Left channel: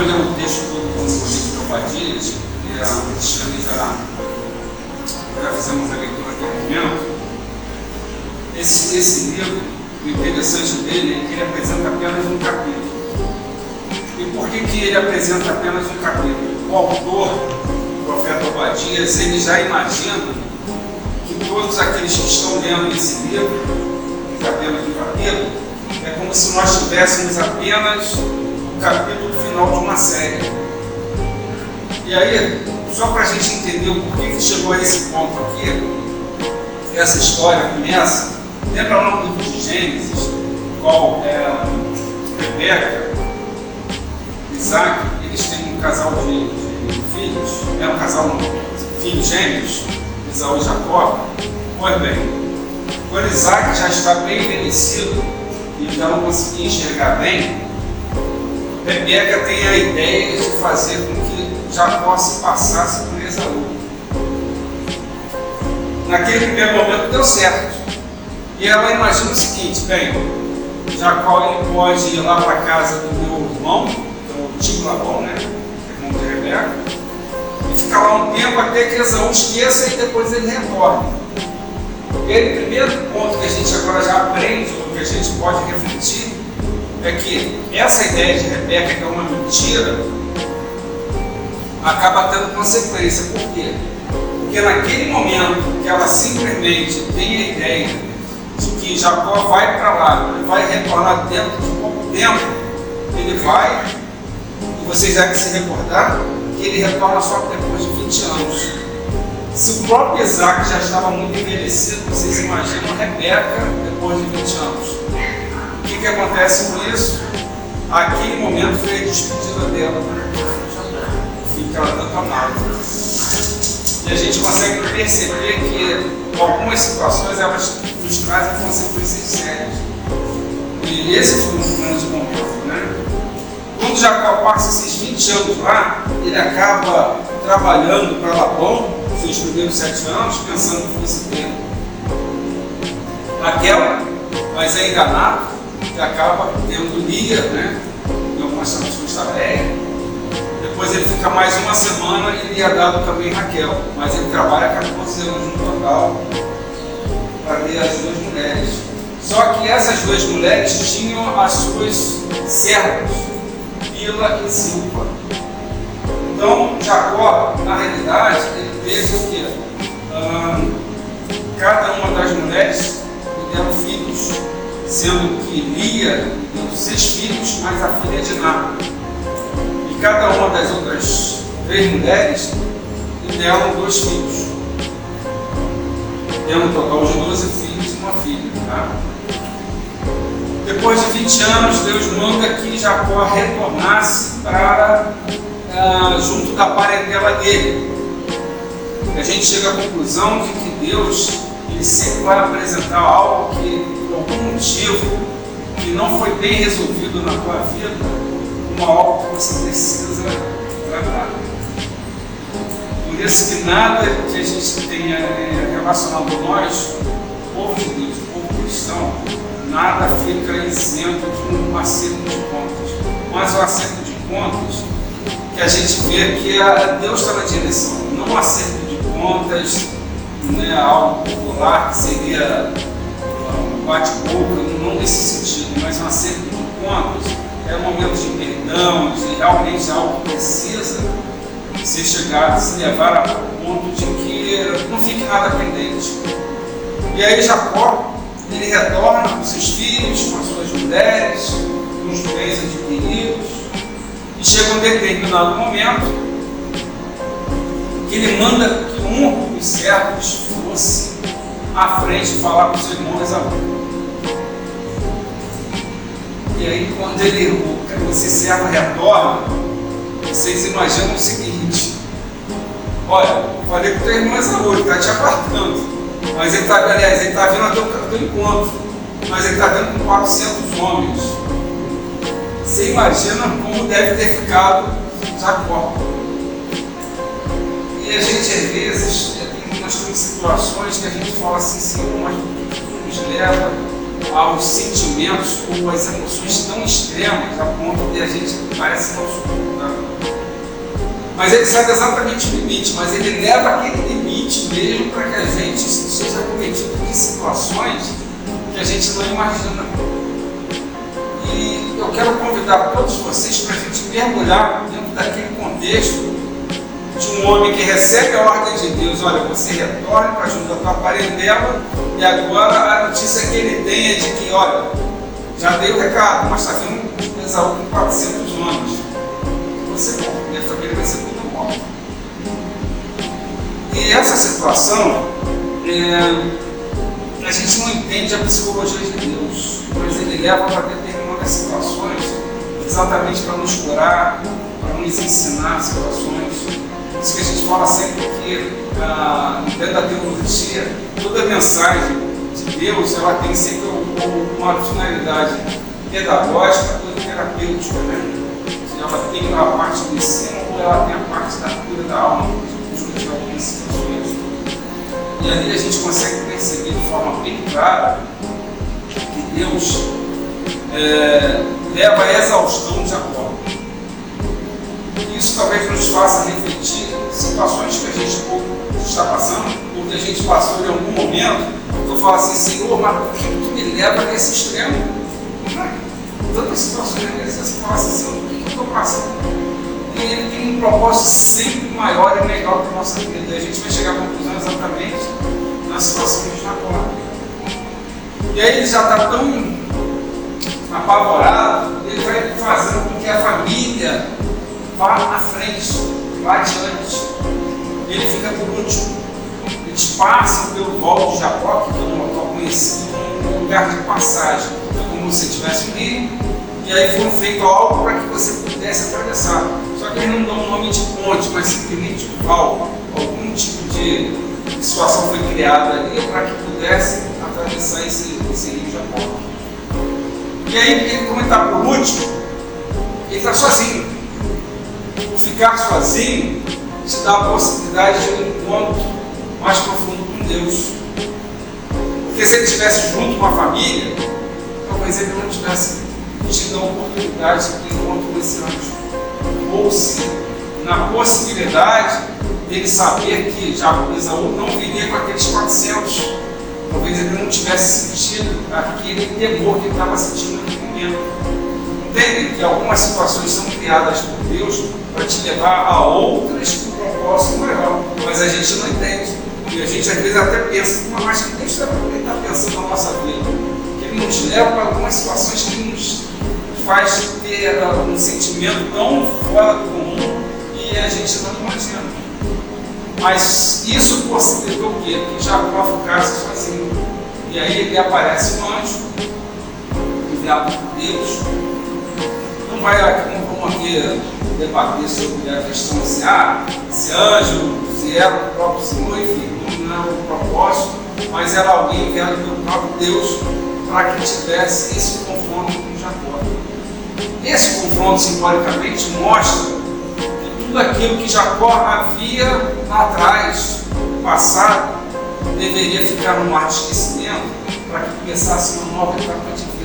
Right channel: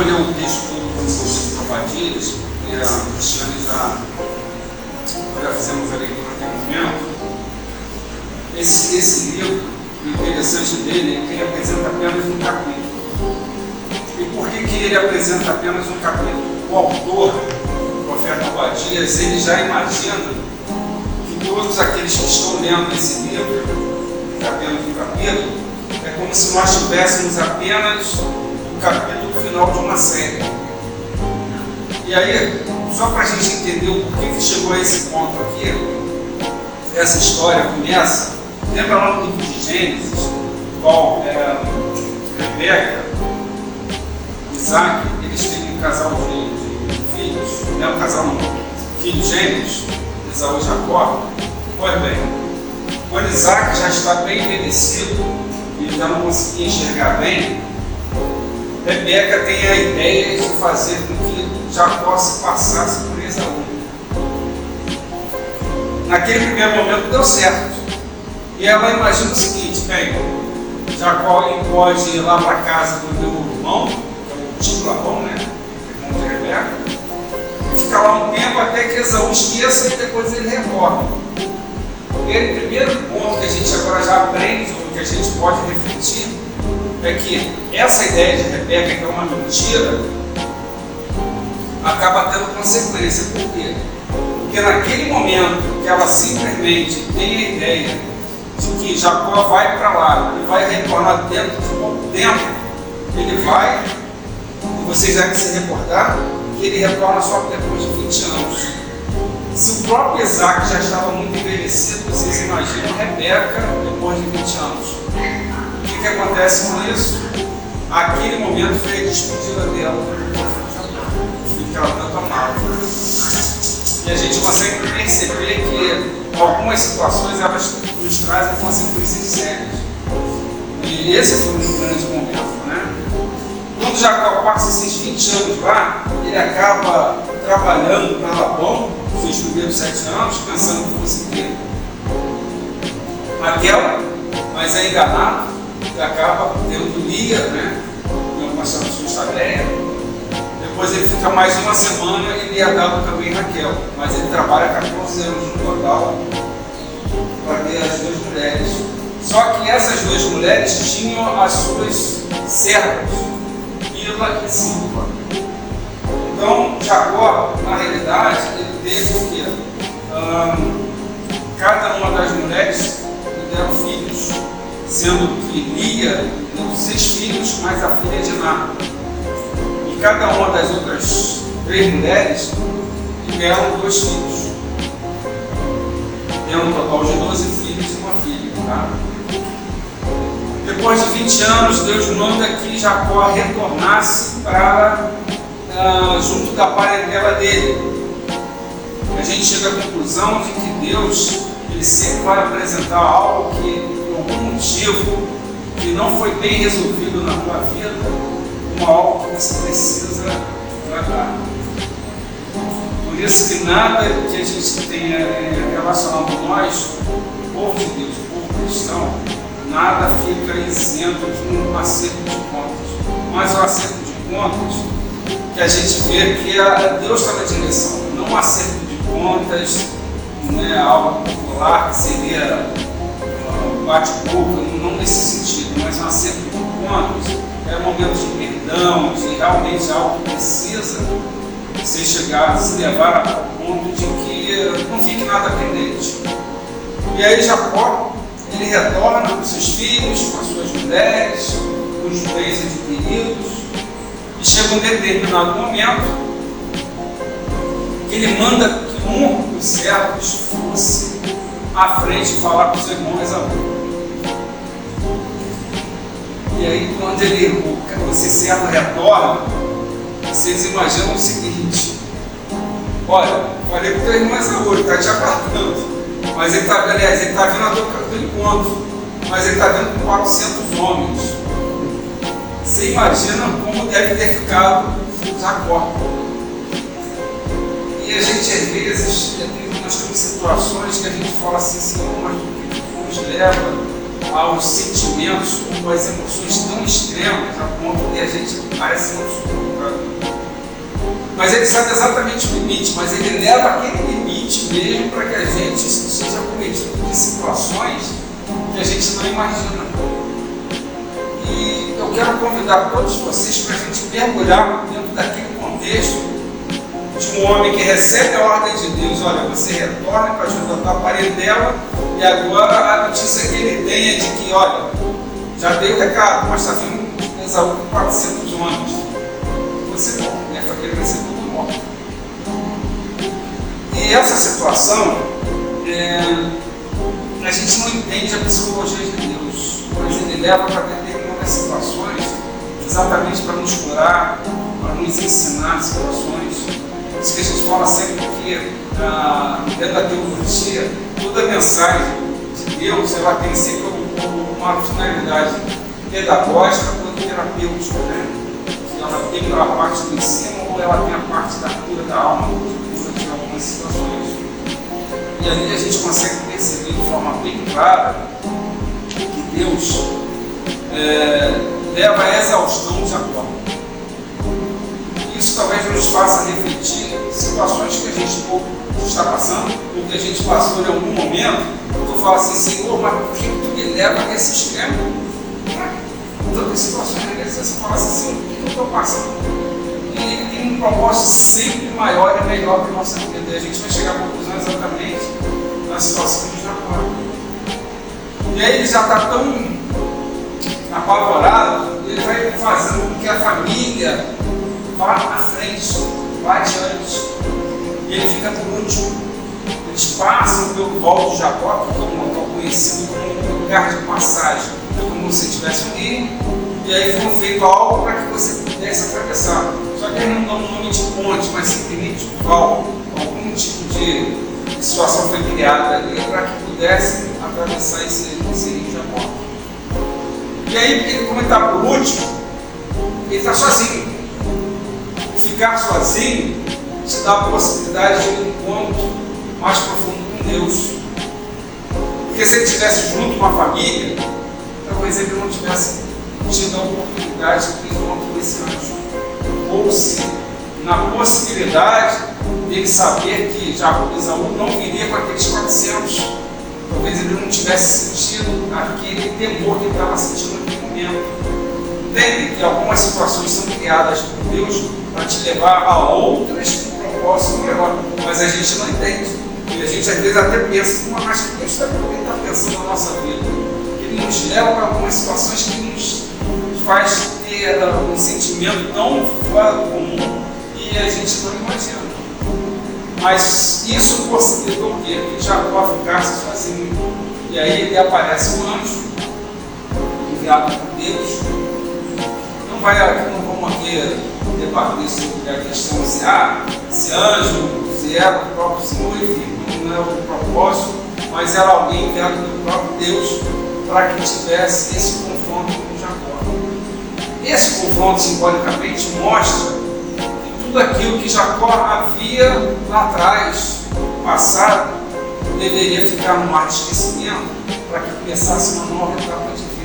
vou ler o texto do livro de Obadias, que a Cristiane já fizemos a leitura aqui no momento. Esse livro, o interessante dele é que ele apresenta apenas um capítulo. E por que ele apresenta apenas um capítulo? O autor, o profeta Obadias, ele já imagina que todos aqueles que estão lendo esse livro, apenas um capítulo, é como se nós tivéssemos apenas o capítulo final de uma série. E aí, só para a gente entender o porquê que chegou a esse ponto aqui, essa história começa, lembra lá no livro de Gênesis, qual Rebeca, Isaac, eles têm um casal de filhos, um casal não, filhos gêmeos, Esaú e Jacó. Pois bem, quando Isaac já está bem envelhecido e já não conseguia enxergar bem, Rebeca tem a ideia de fazer com que Jacó se passasse por Esaú. Naquele primeiro momento deu certo. E ela imagina o seguinte: bem, Jacó pode ir lá para a casa do meu irmão, que é o tio Labão, né? Irmão de Rebeca, e ficar lá um tempo até que Esaú esqueça e depois ele retorne. O primeiro ponto que a gente agora já aprende, ou que a gente pode refletir, é que essa ideia de Rebeca, que é uma mentira, acaba tendo consequência. Por quê? Porque naquele momento que ela simplesmente tem a ideia de que Jacó vai para lá e vai retornar dentro de pouco tempo, ele vai, e vocês devem se recordar, que ele retorna só depois de 20 anos. Se o próprio Isaac já estava muito envelhecido, vocês imaginam Rebeca depois de 20 anos. O que acontece com isso? Aquele momento foi a despedida dela, o filho que ela tanto amava. E a gente consegue perceber que algumas situações elas nos trazem consequências sérias. E esse foi um grande momento, né? Quando Jacó passa esses 20 anos lá, ele acaba trabalhando para Labão, seus primeiros 7 anos, pensando que fosse ter Raquel, mas é enganado e acaba tendo Lia, né? Que é o pastor de Estabeia. Depois ele fica mais uma semana e ele é dado também Raquel, mas ele trabalha 14 anos no total para ter as duas mulheres. Só que essas duas mulheres tinham as suas servas, Bila e Silpa. Então Jacó, na realidade, ele teve o quê? Cada uma das mulheres deram filhos, sendo que Lia deu 6 filhos, mais a filha de Ná. E cada uma das outras 3 mulheres deram 2 filhos, tendo um total de 12 filhos e uma filha. Tá? Depois de 20 anos, Deus manda que Jacó retornasse para junto da parentela dele. A gente chega à conclusão de que Deus ele sempre vai apresentar algo que, por algum motivo, que não foi bem resolvido na tua vida, como algo que você precisa tratar. Por isso que nada que a gente tenha relacionado nós, o povo de Deus, o povo cristão, nada fica isento de um acerto de contas. Mas o acerto de contas que a gente vê que Deus está na direção, não um acerto de contas, né, algo popular que seria bate-boca, não nesse sentido, mas um acerto de contas é um momento de perdão, de realmente algo que precisa ser chegado, se levar ao ponto de que não fique nada pendente. E aí Jacó, ele retorna com seus filhos, com as suas mulheres, com os bens adquiridos, e chega um determinado momento que ele manda que um dos servos fosse à frente falar com os irmãos Esaú. E aí quando esse servo retorna, vocês imaginam o seguinte: olha, falei com o teu irmão Esaú, ele está te aguardando, mas ele está vindo até o teu encontro, mas ele está vindo com 400 homens. Você imagina como deve ter ficado Jacó. E a gente às vezes, nós temos situações que a gente fala assim, Senhor, mas o que nos leva aos sentimentos ou às emoções tão extremas a ponto de a gente parece não suportar. Mas ele sabe exatamente o limite, mas ele leva aquele limite mesmo para que a gente seja cometido em situações que a gente não imagina. E eu quero convidar todos vocês para a gente mergulhar dentro daquele contexto de um homem que recebe a ordem de Deus: olha, você retorna para junto da tua parentela, e agora a notícia que ele tem é de que, olha, já dei o recado, mas está vindo Esaú com 400 homens. Você morre, minha família vai ser toda morta. E essa situação, a gente não entende a psicologia de Deus, mas ele leva para determinadas situações exatamente para nos curar, para nos ensinar situações. Por isso que a gente fala sempre que dentro da teologia, toda mensagem de Deus ela tem sempre uma finalidade pedagógica ou terapêutica, né? Que ela tem a parte do ensino ou ela tem a parte da cura da alma, de algumas situações. E ali a gente consegue perceber de forma bem clara que Deus leva a exaustão de Jacó. Isso talvez nos faça refletir situações que a gente está passando, ou que a gente passou em algum momento. Tu fala assim: Senhor, mas por que tu me leva nesse extremo? Tantas situações dessas, você fala assim: Senhor, por que eu estou passando? E ele tem um propósito sempre maior e melhor para a nossa vida. E a gente vai chegar à conclusão exatamente na situação que a gente está agora. E aí ele já está tão apavorado, ele vai fazendo com que a família vá à frente, vá adiante. Ele fica por último. Eles passam pelo Vale de Jacó, que é um local conhecido como um lugar de passagem. É como se tivesse um rio, e aí foi feito algo para que você pudesse atravessar. Só que eles não dão o nome de ponte, mas simplesmente de val. Algum tipo de situação foi criada ali para que pudesse atravessar esse rio Jacó. E aí, como ele está por último, ele está sozinho. Ficar sozinho te dá a possibilidade de um encontro mais profundo com Deus. Porque se ele estivesse junto com a família, talvez ele não tivesse tido a oportunidade de encontro com esse anjo. Ou se, na possibilidade dele saber que Esaú não viria com aqueles 400, talvez ele não tivesse sentido aquele temor que ele estava sentindo naquele momento. Entende que algumas situações são criadas por Deus para te levar a outras com propósito maior, mas a gente não entende. E a gente às vezes até pensa: mas que Deus está pensando na nossa vida? Ele nos leva para algumas situações que nos faz ter um sentimento tão fora do comum e a gente não imagina. Mas isso possibilitou o quê? Que Jacó ficasse sozinho. E aí ele aparece um anjo, enviado por Deus. Não vamos aqui debater sobre a questão se anjo, se era o próprio Senhor, enfim, não era o propósito, mas era alguém enviado pelo próprio Deus para que tivesse esse confronto com Jacó. Esse confronto, simbolicamente, mostra que tudo aquilo que Jacó havia lá atrás, no passado, deveria ficar no mar de esquecimento para que começasse uma nova etapa de vida.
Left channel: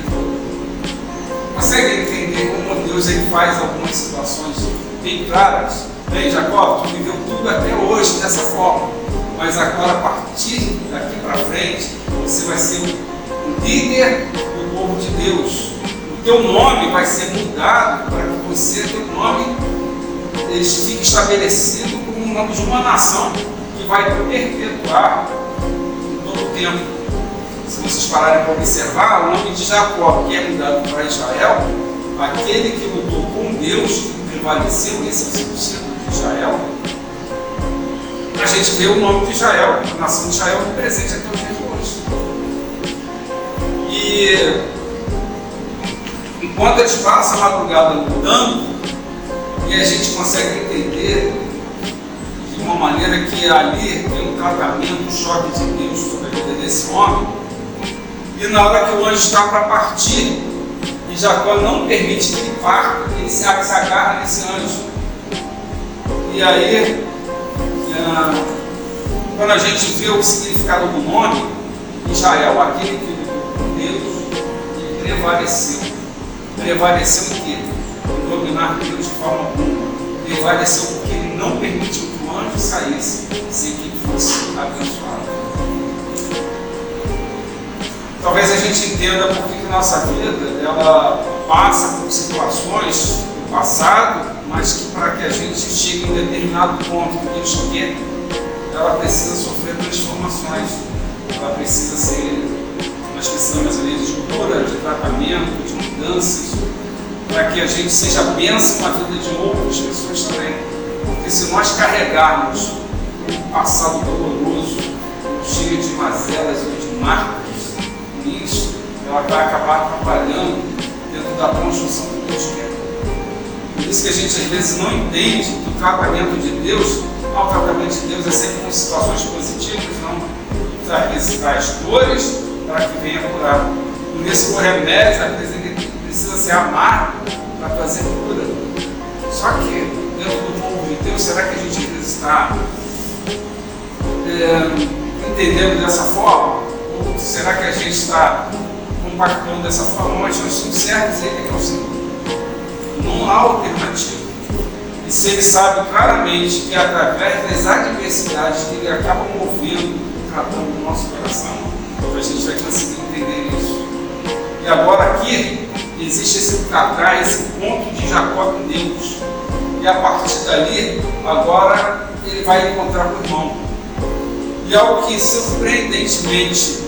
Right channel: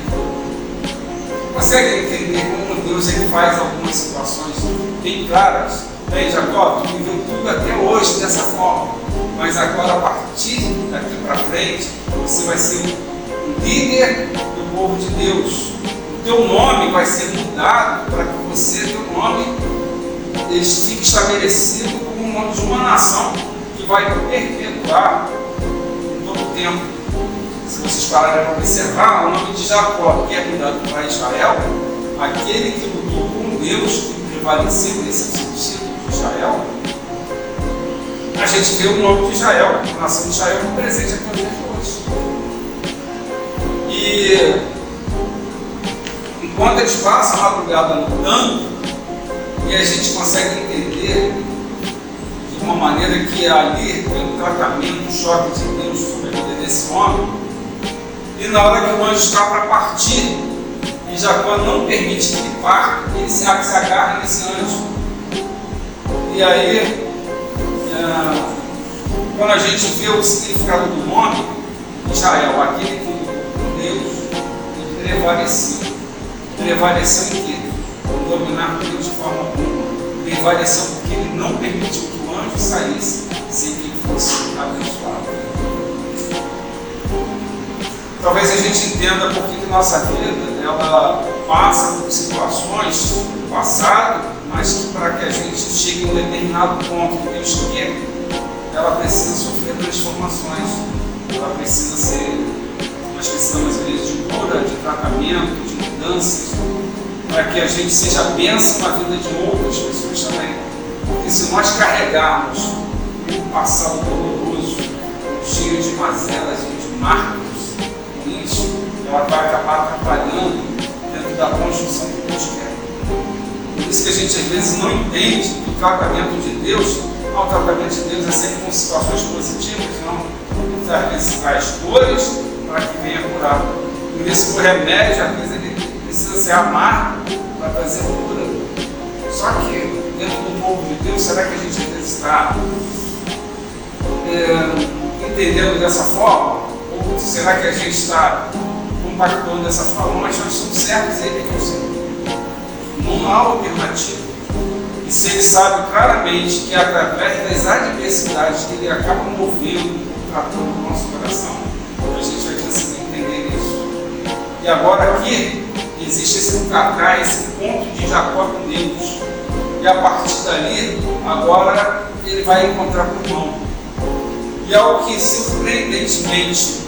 Consegue entender como Deus ele faz algumas situações bem claras? Bem, Jacó, tu viveu tudo até hoje dessa forma, mas agora, a partir daqui para frente, você vai ser o líder do povo de Deus. O teu nome vai ser mudado para que teu nome fique estabelecido como o nome de uma nação que vai perpetuar em todo o tempo. Se vocês pararem para observar, o nome de Jacó, que é mudado para Israel, aquele que lutou com Deus e prevaleceu, esse é o sentido de Israel, a gente vê o nome de Israel, a nação de Israel presente até os dias de hoje. E enquanto eles passam a madrugada lutando, e a gente consegue entender de uma maneira que ali tem um tratamento, um choque de Deus sobre a vida desse homem, e na hora que o anjo está para partir, e Jacó não permite que ele parta, ele se agarra nesse anjo. E aí, quando a gente vê o significado do nome, Israel, aquele que lutou com Deus e prevaleceu. Prevaleceu em quê? Em questionar Deus de forma alguma. Ele vai descer porque ele não permitiu que o anjo saísse sem que ele fosse abençoado. Talvez a gente entenda por que nossa vida ela passa por situações do passado, mas que para que a gente chegue a um determinado ponto que Deus quer, ela precisa sofrer transformações. Ela precisa ser, nós precisamos às vezes de cura, de tratamento, de mudanças, para que a gente seja bênção na vida de outras pessoas também. Porque se nós carregarmos um passado doloroso, cheio de mazelas e de marcas, isso, ela vai acabar atrapalhando dentro da construção que Deus quer. Por isso que a gente às vezes não entende que o tratamento de Deus, o tratamento de Deus é sempre com situações positivas, não. Às vezes traz dores para que venha curar. Por isso que o remédio, às vezes, ele precisa ser amargo para trazer cura. Só que dentro do povo de Deus, será que a gente às vezes está entendendo dessa forma? Ou será que a gente está compactuando dessa forma? Mas nós somos certos, ele é que é o Senhor. Não há alternativa. E se ele sabe claramente que através das adversidades que ele acaba movendo o trator do nosso coração, a gente vai conseguir entender isso. E agora aqui existe esse tratar, esse ponto de Jacó com Deus. E a partir dali, agora ele vai encontrar com o irmão. E algo que surpreendentemente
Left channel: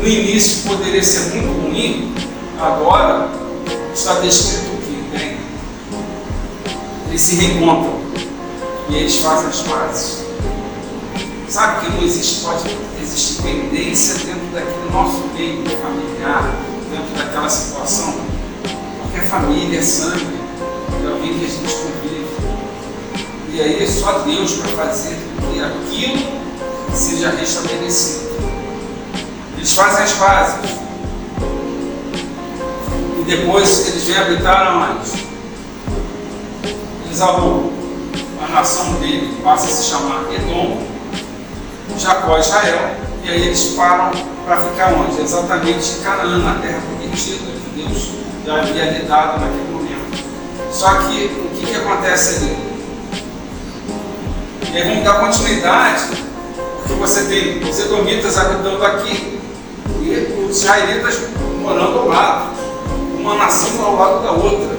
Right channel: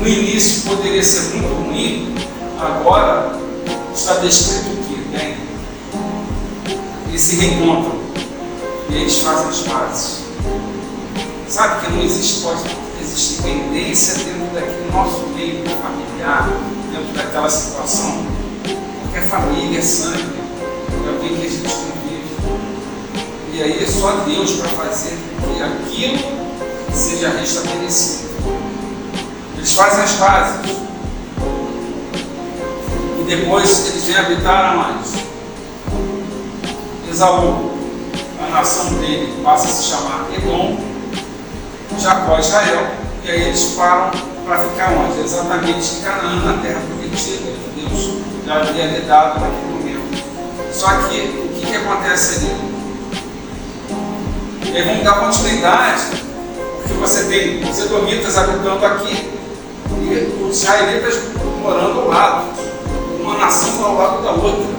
no início poderia ser muito ruim, agora está descrito o que? Bem, eles se reencontram e eles fazem as pazes. Sabe que não existe, pode existir pendência dentro daquele nosso meio familiar, dentro daquela situação, porque a família é sangue, é alguém que a gente convive. E aí é só Deus para fazer com que aquilo seja restabelecido. Eles fazem as pazes. E depois eles vêm habitar onde? Esaú, a nação dele passa a se chamar Edom, Jacó e Israel, e aí eles param para ficar onde? Exatamente em Canaã, na terra prometida que Deus já havia lhe dado naquele momento. Só que o que acontece ali? E aí vamos dar continuidade, porque você tem os edomitas habitando aqui e os israelitas morando ao lado, uma nação ao lado da outra.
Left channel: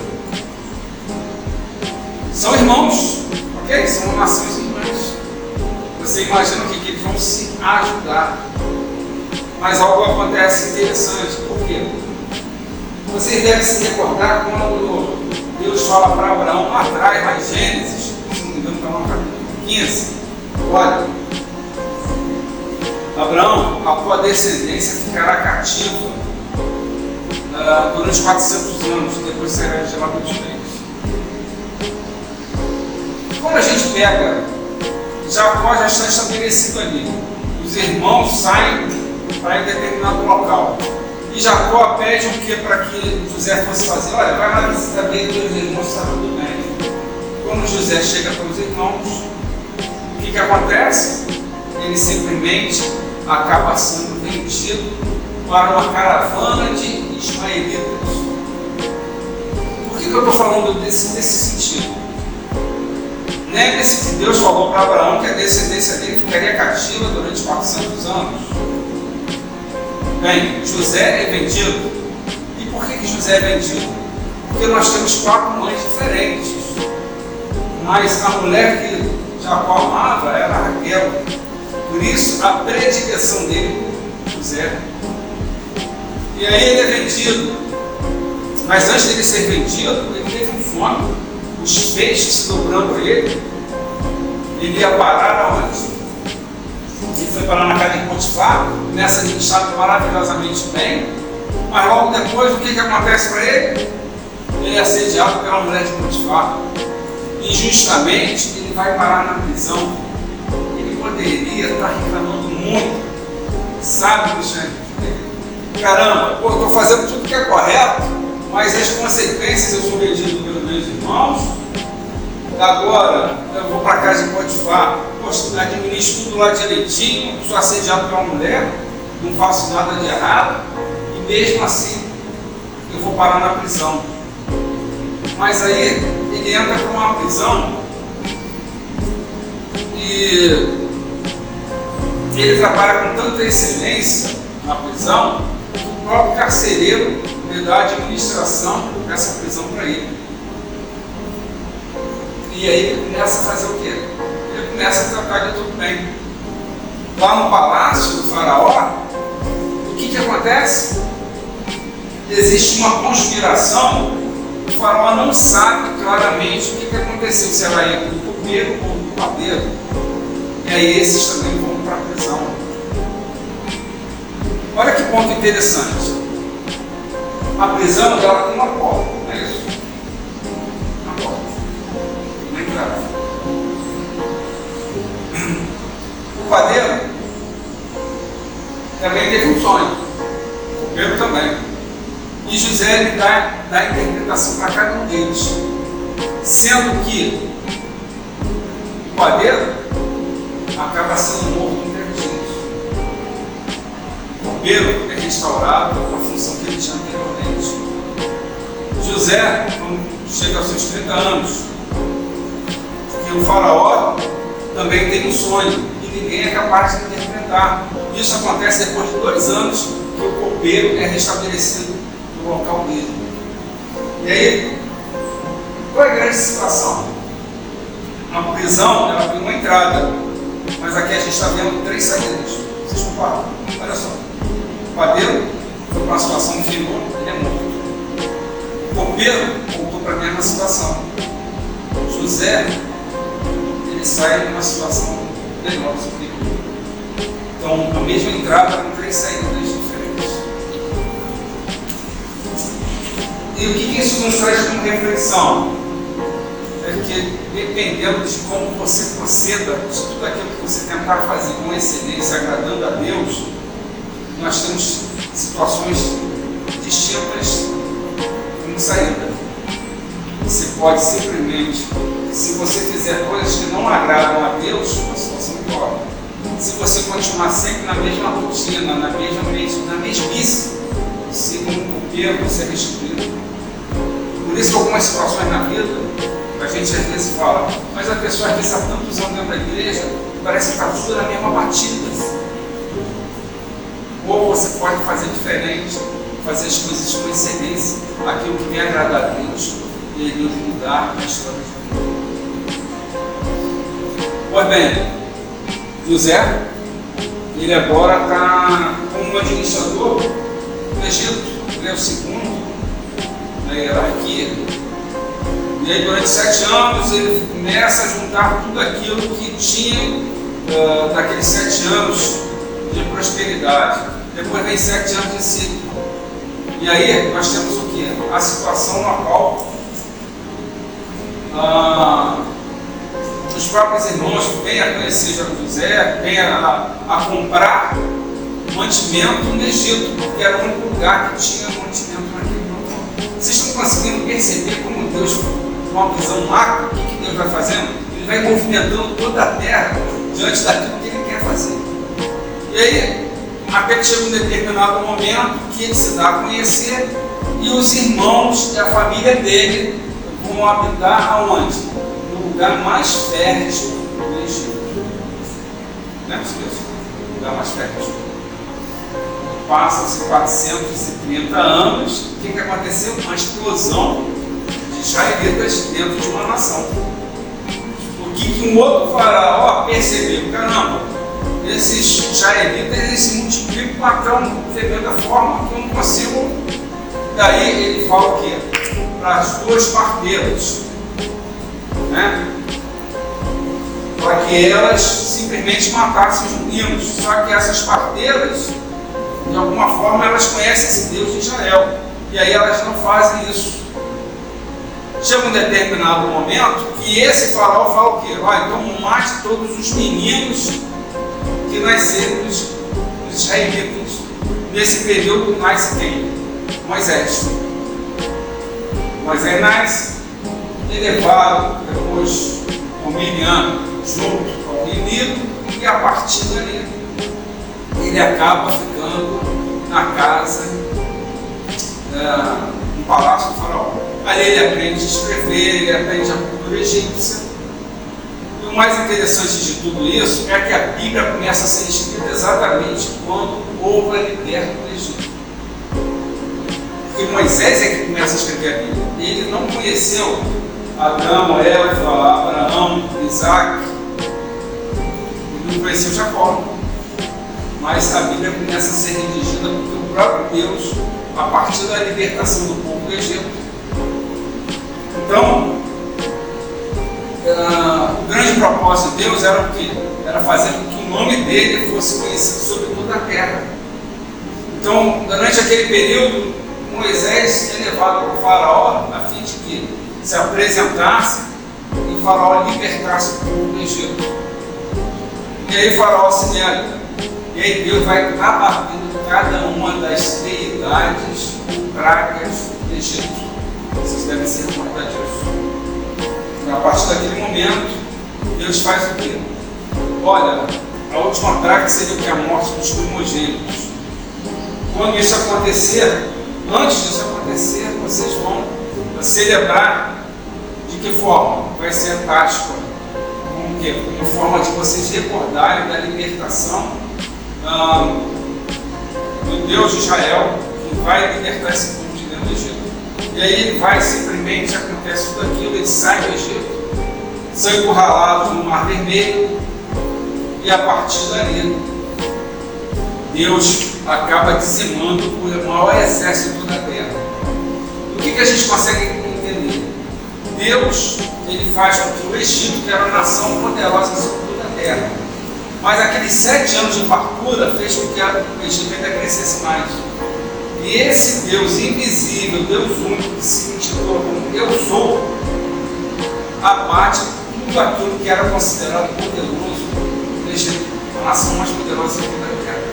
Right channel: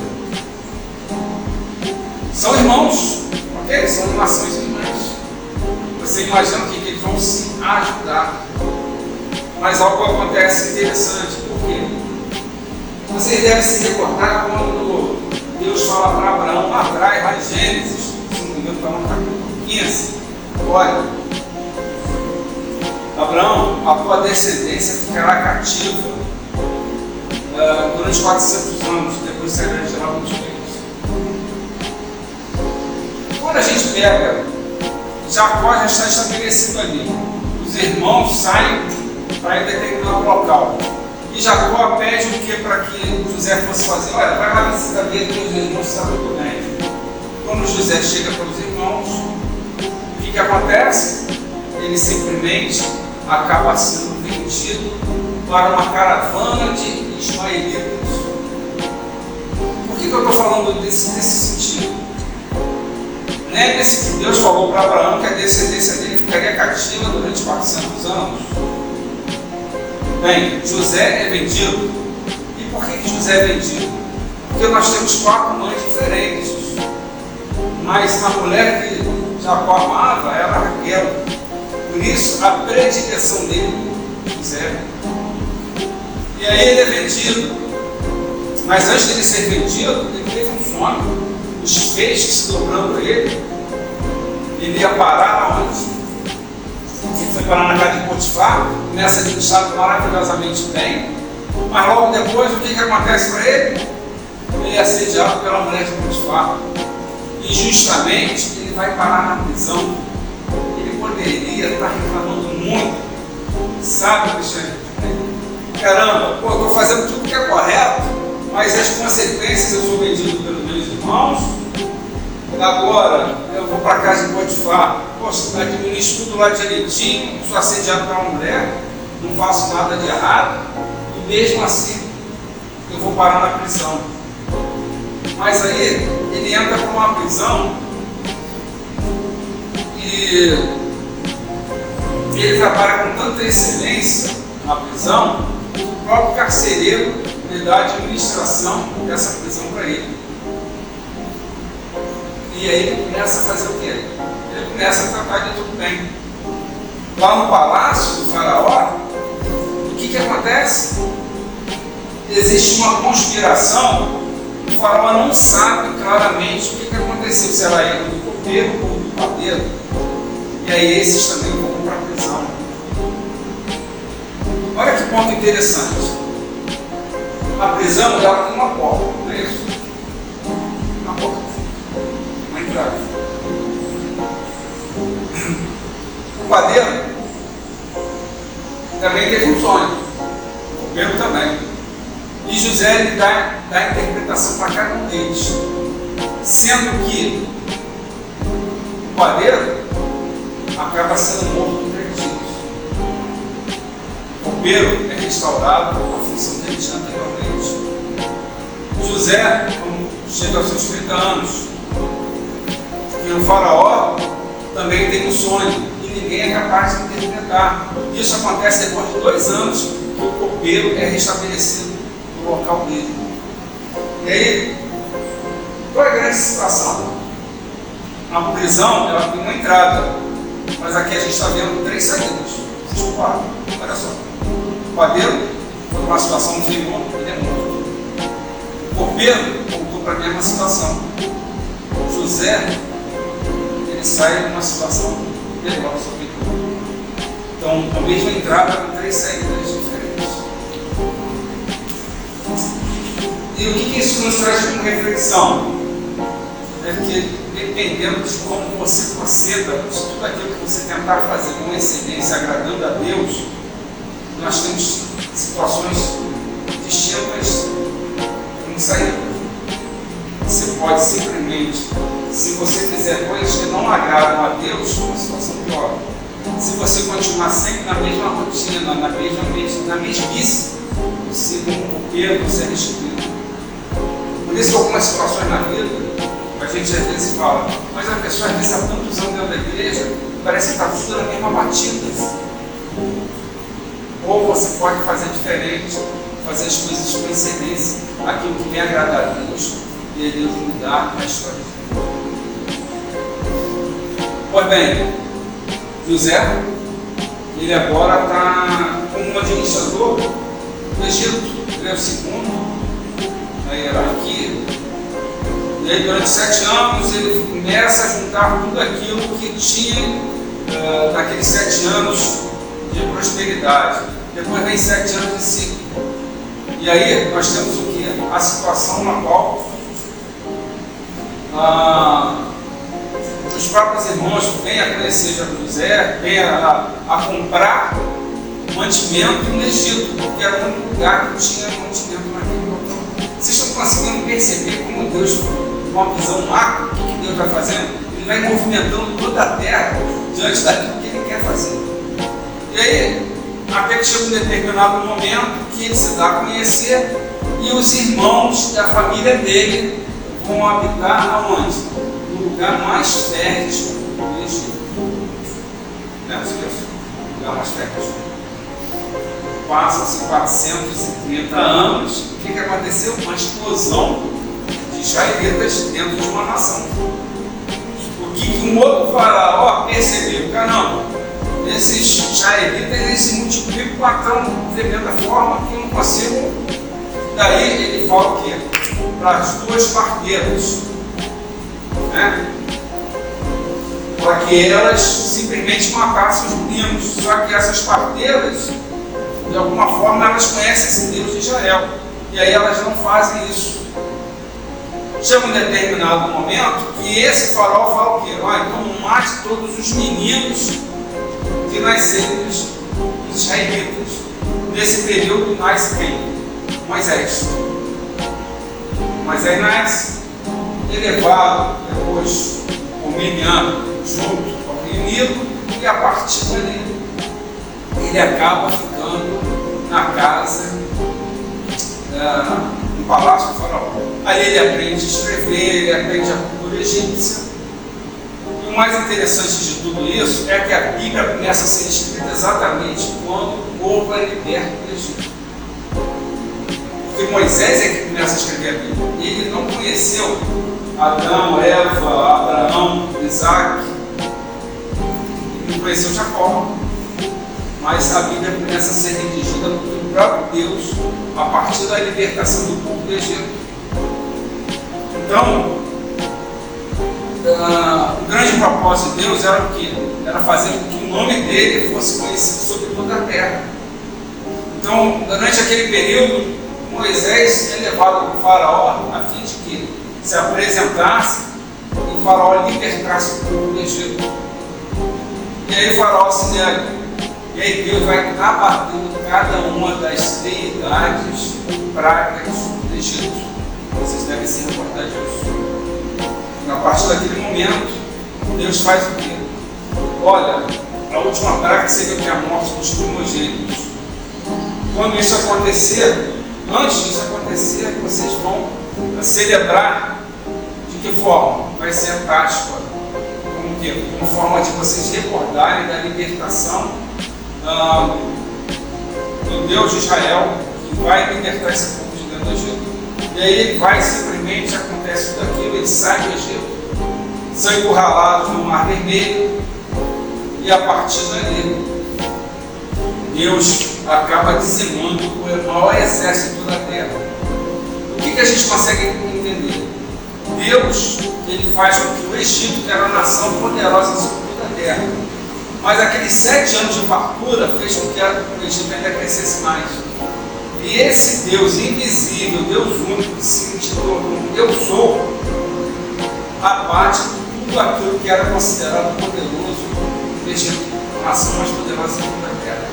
São irmãos, ok? São nações irmãs. Você imagina que eles vão se ajudar. Mas algo acontece interessante. Por quê? Vocês devem se recordar quando Deus fala para Abraão lá atrás, lá em Gênesis, se não me engano, está no capítulo 15. Olha, Abraão, a tua descendência ficará cativa durante 400 anos, depois será de lá muitos reis. Quando a gente pega, Jacó já está estabelecido ali. Os irmãos saem para ir determinado local. E Jacó pede o que para que José fosse fazer? Olha, vai lá visitar bem os irmãos, está tudo bem. Quando José chega para os irmãos, o que acontece? Ele simplesmente acaba sendo vendido para uma caravana de ismaelitas. Por que eu estou falando desse sentido? Lembre-se que Deus falou para Abraão que a descendência dele ficaria cativa durante 400 anos. Bem, José é vendido. E por que José é vendido? Porque nós temos 4 mães diferentes. Mas a mulher que Jacó amava era Raquel. Por isso, a predileção dele por José. E aí ele é vendido. Mas antes de ele ser vendido, ele teve um fome. Os peixes se dobrando a ele. Ele ia parar aonde? Ele foi parar na casa de Potifar, começa administrado maravilhosamente bem. Mas logo depois, o que acontece para ele? Ele é assediado pela mulher de Potifar. Injustamente, ele vai parar na prisão. Ele poderia estar reclamando muito. Sabe, Cristiano? Caramba, eu estou fazendo tudo que é correto, mas as consequências eu sou vendido pelos meus irmãos. Agora eu vou para a casa de Potifar, poxa, administro tudo lá direitinho, sou assediado por uma mulher, não faço nada de errado, e mesmo assim eu vou parar na prisão. Mas aí ele entra para uma prisão e ele trabalha com tanta excelência na prisão que o próprio carcereiro lhe dá a administração dessa prisão para ele. E aí ele começa a fazer o quê? Ele começa a tratar de tudo bem. Lá no palácio do faraó, o que acontece? Existe uma conspiração, o faraó não sabe claramente o que aconteceu, se ela é do copeiro ou do padeiro. E aí esses também vão para a prisão. Olha que ponto interessante. A prisão ela tem uma porta, não é isso? Uma porta. Uma entrada. O padeiro também teve um sonho. O copeiro também. E José ele dá a interpretação para cada um deles. Sendo que o padeiro acaba sendo morto em 3 dias. O copeiro é restaurado à função que ele tinha anteriormente. José, quando chega aos seus 30 anos, que o faraó também tem um sonho e ninguém é capaz de interpretar. Isso acontece depois de 2 anos que o copeiro é restabelecido no local dele. E aí, qual é a grande situação? A prisão ela tem uma entrada, mas aqui a gente está vendo 3 saídas. Vocês comparam? Olha só. O padeiro foi para uma situação inferior, ele é morto. O copeiro voltou para a mesma situação. José, ele sai de uma situação melhor, superior. Então, a mesma entrada com 3 saídas diferentes. E o que isso nos traz como reflexão? É que, dependendo de como você proceda, de tudo aquilo que você tentar fazer com excelência, agradando a Deus, nós temos situações distintas como saída. Você pode simplesmente, se você fizer coisas que não agradam a Deus, uma situação pior. Se você continuar sempre na mesma rotina, na mesmice, você como copeiro, você é restituído. Por isso que algumas situações na vida, a gente às vezes fala, mas a pessoa às vezes há tantos anos dentro da igreja, parece que está tudo na mesma batida. Ou você pode fazer diferente, fazer as coisas com excelência, aquilo que me agrada a Deus, e Deus mudar a história de vida. Pois bem, José, ele agora está como administrador do Egito, ele é o segundo na hierarquia. E aí durante 7 anos ele começa a juntar tudo aquilo que tinha daqueles 7 anos de prosperidade. Depois vem 7 anos de ciclo. E aí nós temos o que? A situação na qual os próprios irmãos vêm a conhecer José, vêm a comprar mantimento no Egito, porque era o único lugar que tinha mantimento naquele local. Vocês estão conseguindo perceber como Deus, uma visão macro, o que Deus vai fazendo? Ele vai movimentando toda a terra diante daquilo que Ele quer fazer. E aí, até que chega um determinado momento que ele se dá a conhecer e os irmãos da família dele vão habitar aonde? No lugar mais fértil do Egito. Não é possível? O lugar mais fértil. Passam-se 430 anos. O que aconteceu? Uma explosão de israelitas dentro de uma nação. O que um outro faraó percebeu? Caramba, esses israelitas eles se multiplicam com uma tão tremenda forma que eu não consigo. Daí ele fala o quê? Para as 2 parteiras, né? Para que elas simplesmente matassem os meninos. Só que essas parteiras, de alguma forma, elas conhecem esse Deus de Israel. E aí elas não fazem isso. Chega um determinado momento que esse faraó fala o quê? Então mate todos os meninos que nasceram dos israelitas. Nesse período nasce quem? Moisés. Moisés nasce, elevado depois com Miriam junto ao Rio Nilo, e a partir dali ele acaba ficando na casa, no palácio do faraó. Ali ele aprende a escrever, ele aprende a cultura egípcia. E o mais interessante de tudo isso é que a Bíblia começa a ser escrita exatamente quando o povo é liberto do Egito. Porque Moisés é que começa a escrever a Bíblia. Ele não conheceu Adão, Eva, Abraão, Isaac, ele não conheceu Jacó. Mas a Bíblia começa a ser redigida pelo próprio Deus a partir da libertação do povo do Egito. Então, o grande propósito de Deus era o quê? Era fazer com que o nome dele fosse conhecido sobre toda a terra. Então, durante aquele período, Moisés é levado para o faraó a fim de que se apresentasse e o faraó libertasse o povo do Egito. E aí o faraó se nega. E aí Deus vai abatendo cada uma das deidades pragas do Egito. Vocês devem se recordar disso. E a partir daquele momento, Deus faz o quê? Olha, a última praga seria que a morte dos primogênitos. Quando isso acontecer, antes disso acontecer, vocês vão celebrar de que forma? Vai ser a Páscoa. Como que? Como forma de vocês recordarem da libertação do Deus de Israel, que vai libertar esse povo de dentro do Egito. E aí ele vai, simplesmente acontece tudo aquilo, ele sai do Egito, são encurralados no Mar Vermelho, e a partir dali Deus acaba dizimando o maior exército da terra. O que a gente consegue entender? Deus, ele faz com que o Egito, que era uma nação poderosa sobre toda a terra, mas aqueles 7 anos de fartura fez com que o Egito ainda crescesse mais. E esse Deus invisível, Deus único, que se intitulou como Eu Sou, abate tudo aquilo que era considerado poderoso no Egito, a nação mais poderosa sobre toda a terra.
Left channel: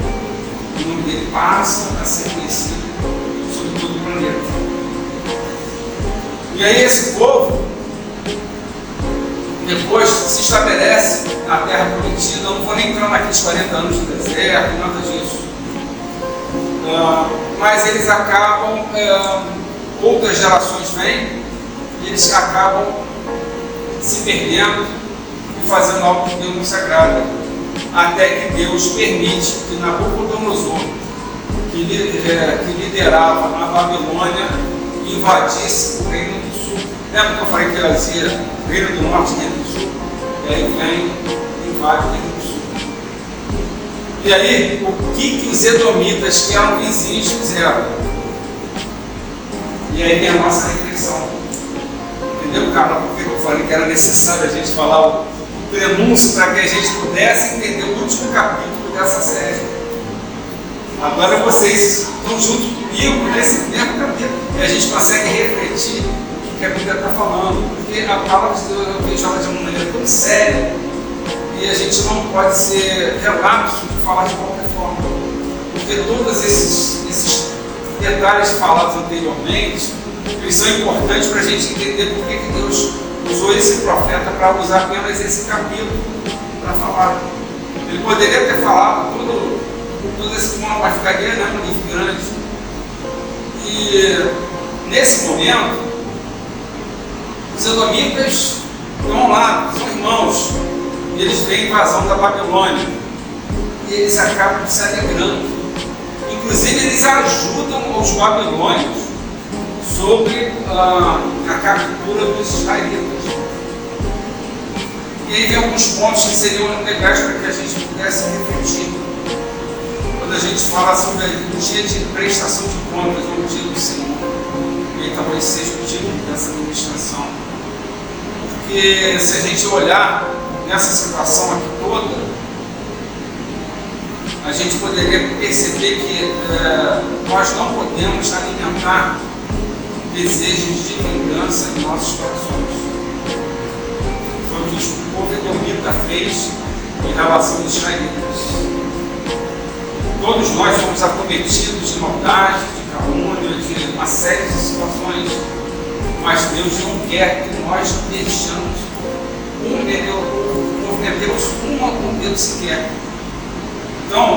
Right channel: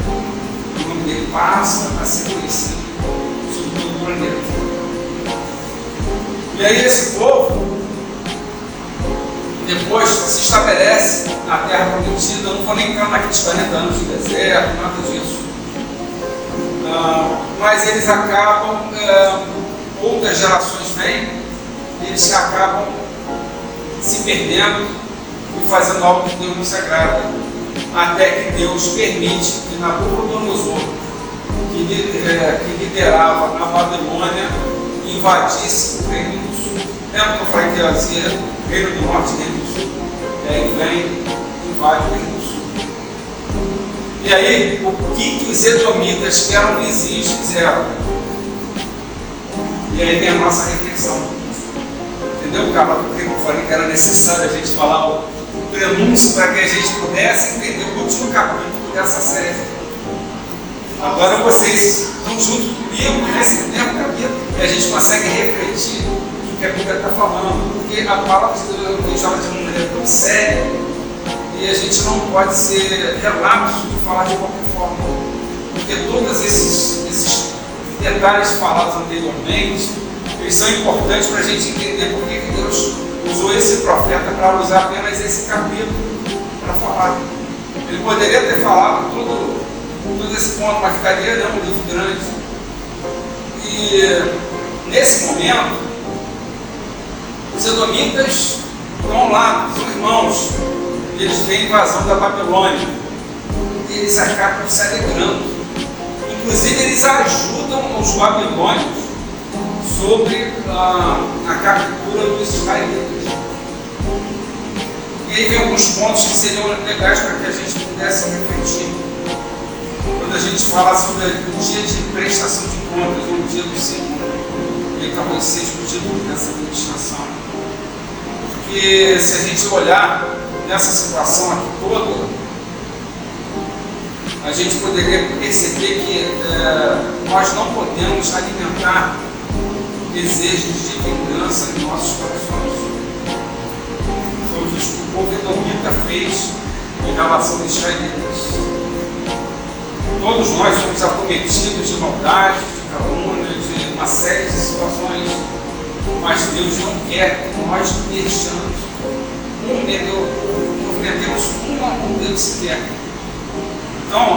O nome dele passa a ser conhecido sobre todo o planeta. E aí esse povo depois se estabelece na terra prometida. Eu não vou nem entrar naqueles 40 anos de deserto, nada disso. Mas eles acabam, outras gerações vêm, eles acabam se perdendo e fazendo algo que Deus não se agrada. Até que Deus permite que Nabucodonosor, que liderava a Babilônia, invadisse o Reino do Sul. Lembra que eu falei que fazia Reino do Norte e Reino do Sul? E aí vem e invade o Reino do Sul. E aí, o que os edomitas, que eram vizinhos, fizeram? E aí vem a nossa reflexão. Entendeu, Carla? Por que eu falei que era necessário a gente falar o prenúncio para que a gente pudesse entender o último capítulo dessa série? Agora vocês estão junto comigo nesse tempo capítulo e a gente consegue refletir o que a Bíblia está falando, porque a palavra de Deus eu vejo ela de uma maneira tão séria e a gente não pode ser relapso de falar de qualquer forma, porque todos esses detalhes falados anteriormente, eles são importantes para a gente entender por que Deus usou esse profeta para usar apenas esse capítulo para falar. Ele poderia ter falado todo esse ponto, mas ficaria um livro grande. E nesse momento, os edomitas estão lá, são irmãos, e eles veem a invasão da Babilônia, e eles acabam se alegrando. Inclusive, eles ajudam os babilônios sobre a captura dos israelitas. E aí vem alguns pontos que seriam legais para que a gente pudesse refletir. Quando a gente fala sobre o dia de prestação de contas, ou o dia do Senhor, e aí talvez seja o título dessa administração. Porque se a gente olhar nessa situação aqui toda, a gente poderia perceber que nós não podemos alimentar desejos de vingança em nossos corações. Foi o que o povo edomita fez em relação aos israelitas. Todos nós fomos acometidos de maldade, de calúnia, de uma série de situações, mas Deus não quer que nós deixamos cometemos uma com Deus sequer. Então,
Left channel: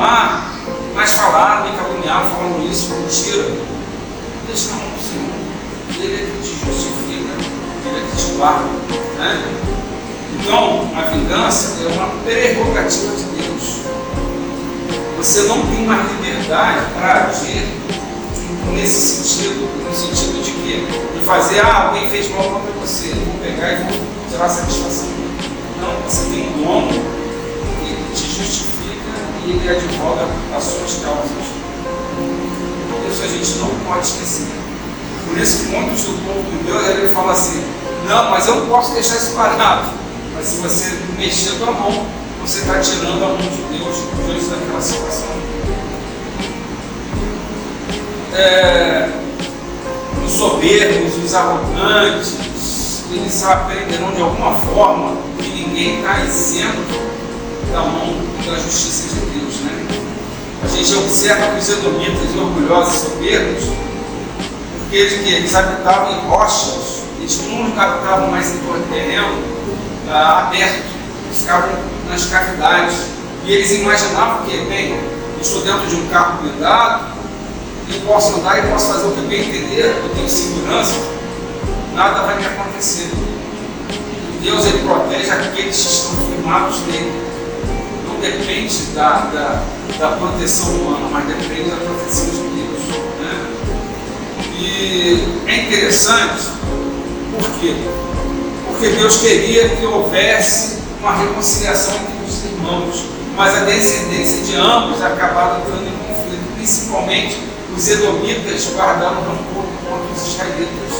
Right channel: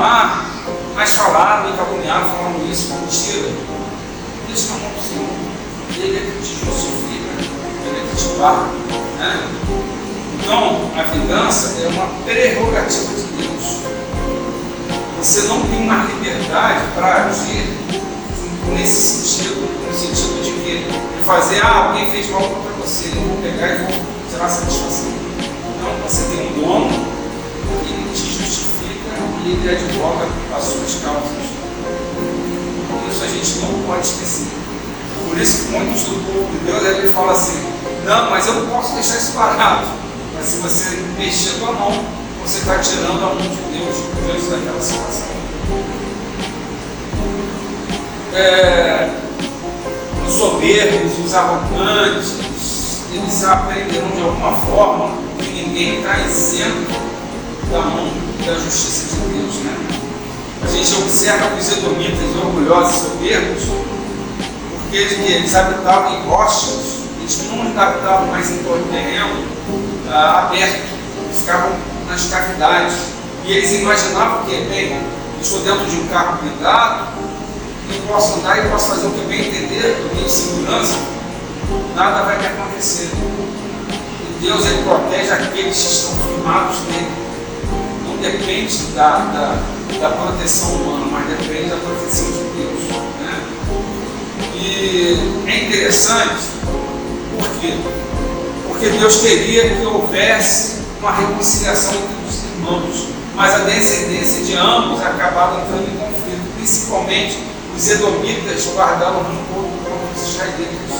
mas falaram, me caluniaram, falaram isso, mentira. Deixa na mão do Senhor. Ele é que te justifica, Ele é que te guarda, né? Então, a vingança é uma prerrogativa de Deus. Você não tem uma liberdade para agir nesse sentido, no sentido de quê? De fazer, alguém fez mal contra você, eu vou pegar e vou tirar satisfação. Não, você tem um dono, ele te justifica e ele advoga as suas causas. Isso a gente não pode esquecer. Por isso que muitos do povo de Deus, ele fala assim, não, mas eu não posso deixar isso parado. Mas se você mexer com a mão, você está tirando a mão de Deus diante daquela situação. Os soberbos, os arrogantes, eles aprenderão de alguma forma que ninguém está isento da mão da justiça de Deus, né? A gente observa os edomitas e orgulhosos e soberbos, porque eles habitavam em rochas, eles não habitavam mais em terreno aberto, eles ficavam nas cavidades, e eles imaginavam que, bem, eu estou dentro de um carro blindado, eu posso andar e posso fazer o que eu bem entender, eu tenho segurança, nada vai me acontecer. E Deus, ele protege aqueles que estão firmados nele. Não depende da proteção humana, mas depende da proteção de Deus, né? E é interessante, por quê? Porque Deus queria que houvesse uma reconciliação entre os irmãos, mas a descendência de ambos acabava entrando em conflito, principalmente os edomitas guardaram rancor contra os israelitas.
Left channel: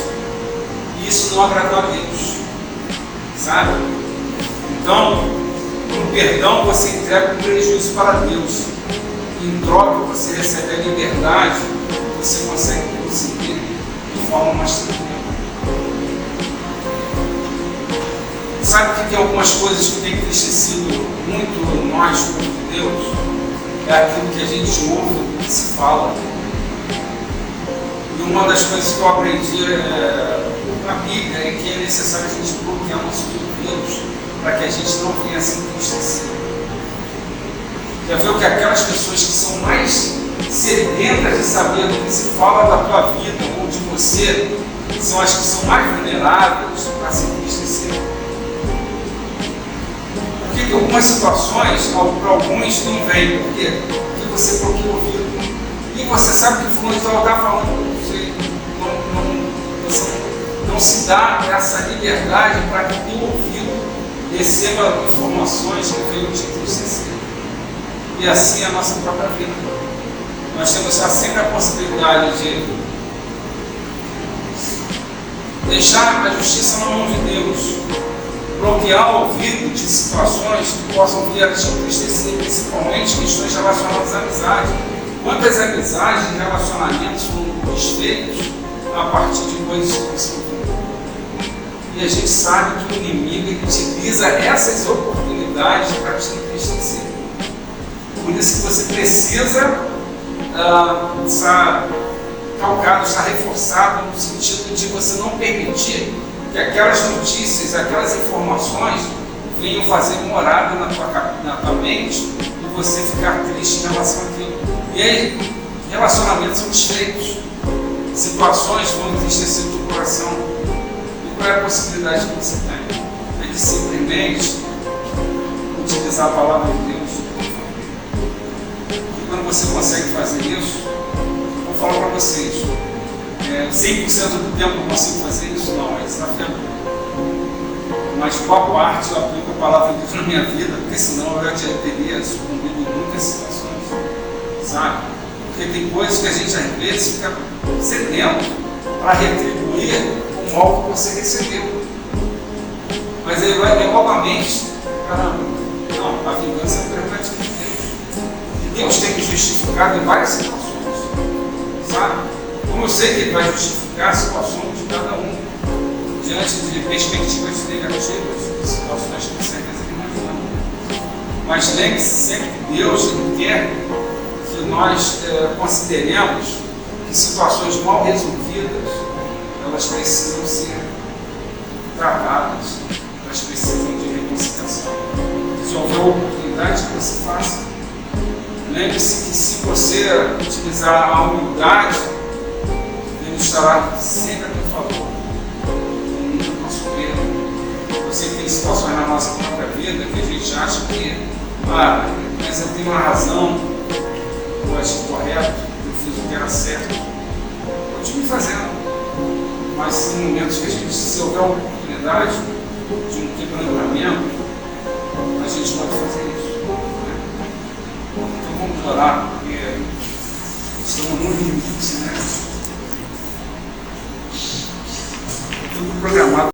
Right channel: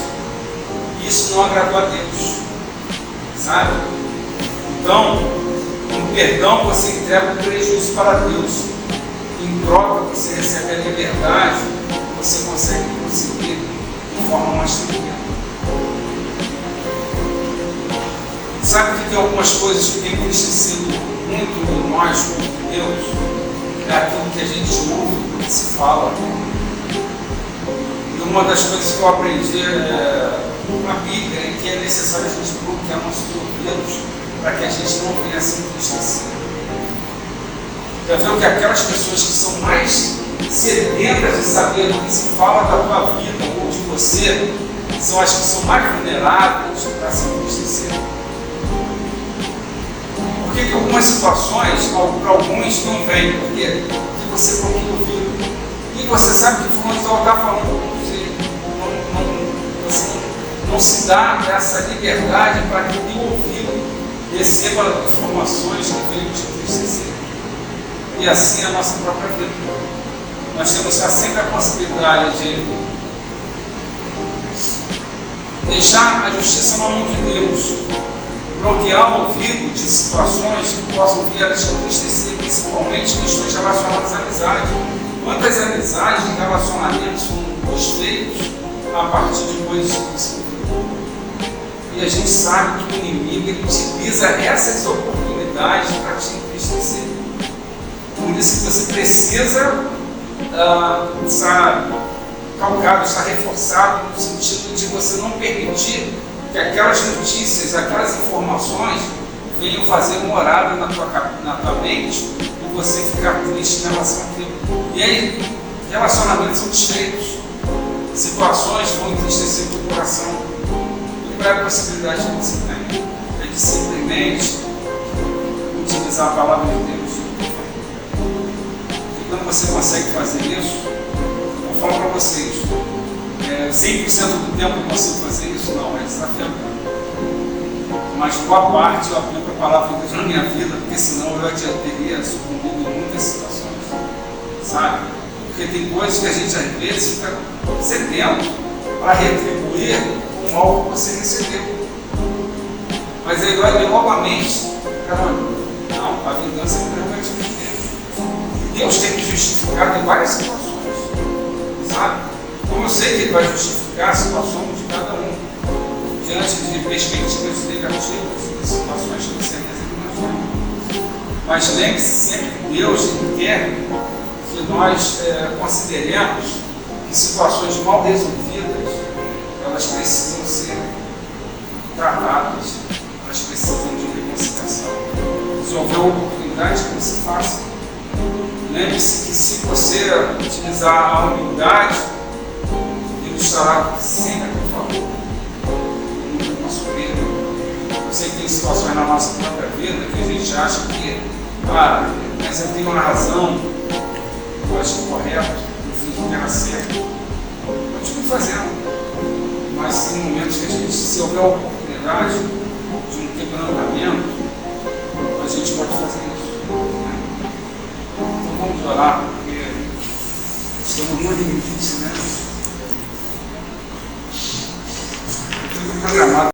E isso não agradou a Deus, sabe? Então, no perdão você entrega o prejuízo para Deus. Em troca você recebe a liberdade, você consegue conseguir de forma mais tranquila. Sabe que tem algumas coisas que têm entristecido muito nós como Deus? É aquilo que a gente ouve, que se fala. E uma das coisas que eu aprendi na Bíblia é que é necessário a gente bloquear nossos ouvidos para que a gente não venha se entristecer. Já viu que aquelas pessoas que são mais sedentas de saber do que se fala da tua vida ou de você, são as que são mais vulneráveis para se entristecer? Porque em algumas situações, para alguns não vem, por quê? Porque você bloqueia o ouvido. E você sabe que fulano está falando com você, você não se dá essa liberdade para que o ouvido receba informações que venham te entristecer. E assim é a nossa própria vida. Nós temos sempre a possibilidade de deixar a justiça na mão de Deus, bloquear o ouvido de situações que possam vir a te entristecer, principalmente questões relacionadas à amizade. Quantas amizades e relacionamentos foram desfeitos a partir de coisas que você ouviu? E a gente sabe que o inimigo utiliza essas oportunidades para te entristecer. Por isso que você precisa estar calcado, estar reforçado no sentido de você não permitir que aquelas notícias, aquelas informações venham fazer morada na tua mente e você ficar triste em relação àquilo. E aí, relacionamentos são desfeitos, situações vão entristecer o teu coração. E qual é a possibilidade que você tem? É de simplesmente utilizar a palavra de Deus. E quando você consegue fazer isso, eu vou falar para vocês, 100% do tempo eu consigo fazer isso? Não, é desafiador. Mas boa parte eu aplico a palavra de Deus na minha vida, porque senão eu já teria sucumbido em muitas situações, sabe? Porque tem coisas que a gente às vezes fica sedento para retribuir o mal que você recebeu. Mas ele vai novamente, caramba, não, a vingança é prerrogativa de Deus. E Deus tem me justificado em várias situações, sabe? Como eu sei que Ele vai justificar a situação de cada um diante de perspectivas negativas, de situações que com certeza Ele imagina. Mas lembre-se sempre que Deus Ele quer que nós consideremos que situações mal resolvidas, elas precisam ser tratadas, elas precisam de reconciliação. Se houver oportunidade que você faça, lembre-se que se você utilizar a humildade, Deus estará sempre a teu favor. situações na nossa própria vida que a gente acha que, mas eu tenho uma razão, eu acho correto, eu fiz o que era certo. Continue fazendo, mas tem momentos que a gente, se houver a oportunidade de um quebrantamento, a gente pode fazer isso. Né? Então vamos orar, porque estamos no limite, né? Tudo programado.